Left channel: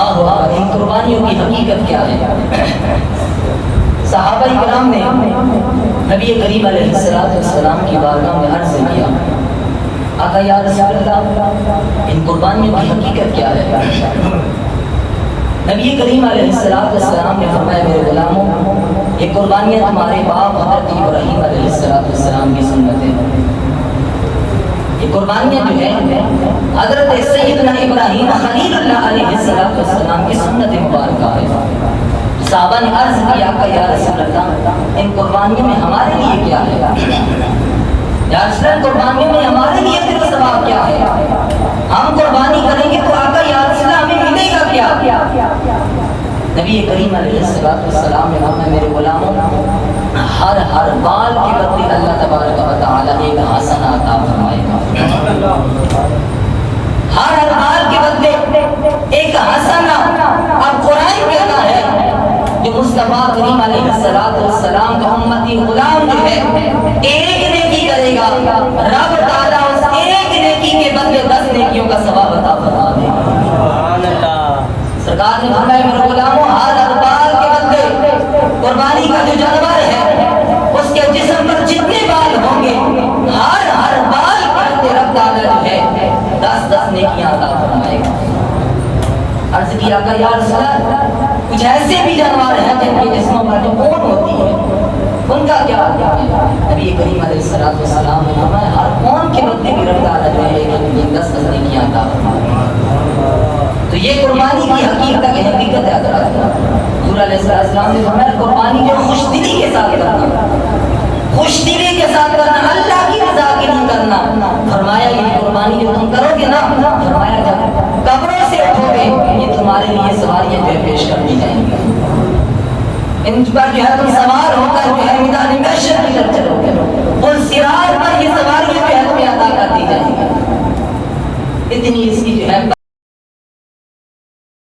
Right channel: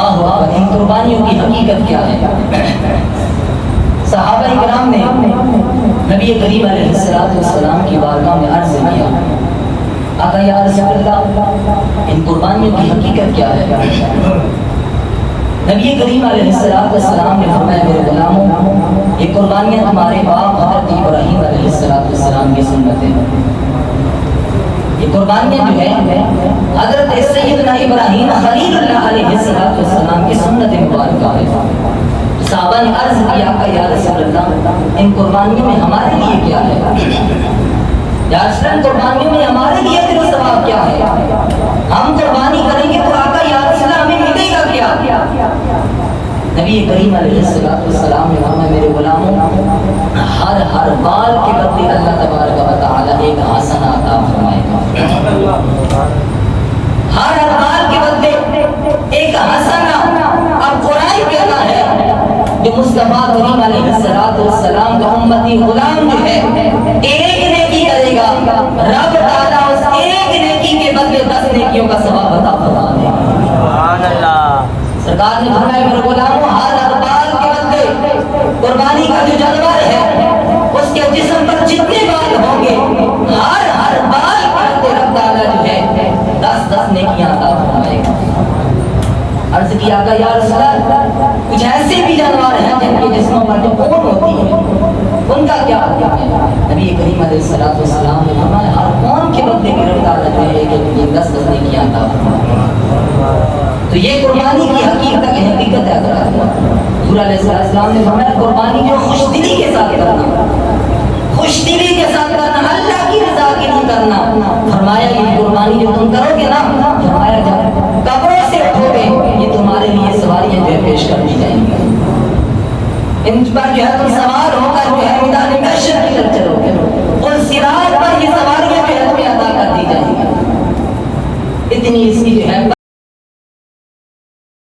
اللہ اکبر، ان قربانیوں کی حقیقت کیا ہے؟ صحابہ کرام نے نبی کریم علیہ السلام کی بارگاہ میں عرض کیا، آقا یا رسول اللہ ان قربانیوں کی حقیقت کیا ہے؟ نبی کریم علیہ السلام نے فرمایا میرے غلاموں، یہ قربانیاں تمہارے باپ حضرت ابراہیم علیہ السلام کی سنت ہے۔ یہ قربانیاں جو ہیں حضرت سیدنا ابراہیم خلیل اللہ علیہ السلام کی سنت مبارکہ ہے۔ صحابہ نے عرض کیا کہ یا رسول اللہ ان قربانیوں میں ہمارے لیے کیا ہے؟ یا رسول اللہ قربانیوں میں ہمارے لیے اجر و ثواب کیا ہے؟ ہم قربانی کریں گے تو آقا یا رسول اللہ ہمیں ملے گا کیا؟ نبی کریم علیہ السلام نے فرمایا میرے غلاموں، ہر بال کے بدلے اللہ تبارک و تعالی ایک حسنہ عطا فرمائے گا۔ ہر بال کے بدلے ایک حسنہ۔ اب قرآن کہتا ہے جو مصطفیٰ کریم علیہ السلام کا امتی غلام جو ہے ایک نیکی کرے گا، رب تعالیٰ اس ایک نیکی کے بدلے 10 نیکیوں کا ثواب عطا فرما دے گا۔ سرکار نے فرمایا میرے غلاموں، ہر بال کے بدلے قربانی کا جو جانور ہے اس کے جسم پر جتنے بال ہوں گے ہر بال کے رب تعالیٰ جو ہے 10 نیکیاں عطا فرمائے گا۔ عرض کیا کہ یا رسول اللہ کچھ ایسے بھی جانور ہیں جن کے جسموں پر جو اون ہوتی ہے ان کا کیا ہے؟ نبی کریم علیہ السلام نے فرمایا ہر اون کے بدلے بھی رب تعالیٰ جو ہے 10 نیکیاں عطا فرمائے گا۔ تو یہ قربانی کی حقیقت ہے حضرات۔ حضور علیہ السلام نے فرمایا قربانی جو خوش دلی کے ساتھ کرنا، خوش دلی کے ساتھ کرنا، اللہ کی رضا کے لیے کرنا۔ فرمایا یہ قربانی جو تم کرو گے نا، فرمایا جب قبروں سے اٹھو گے یہ تمہارے لیے سواریاں جو ہے پیش کر دی جائیں گی، ان پر جو ہے تم سوار ہو کر جو ہے میدان محشر کی طرف چلو گے، اور صراط پر یہ سواریاں جو ہے تمہیں عطا کر دی جائیں گی۔ اتنی اس کی جو ہے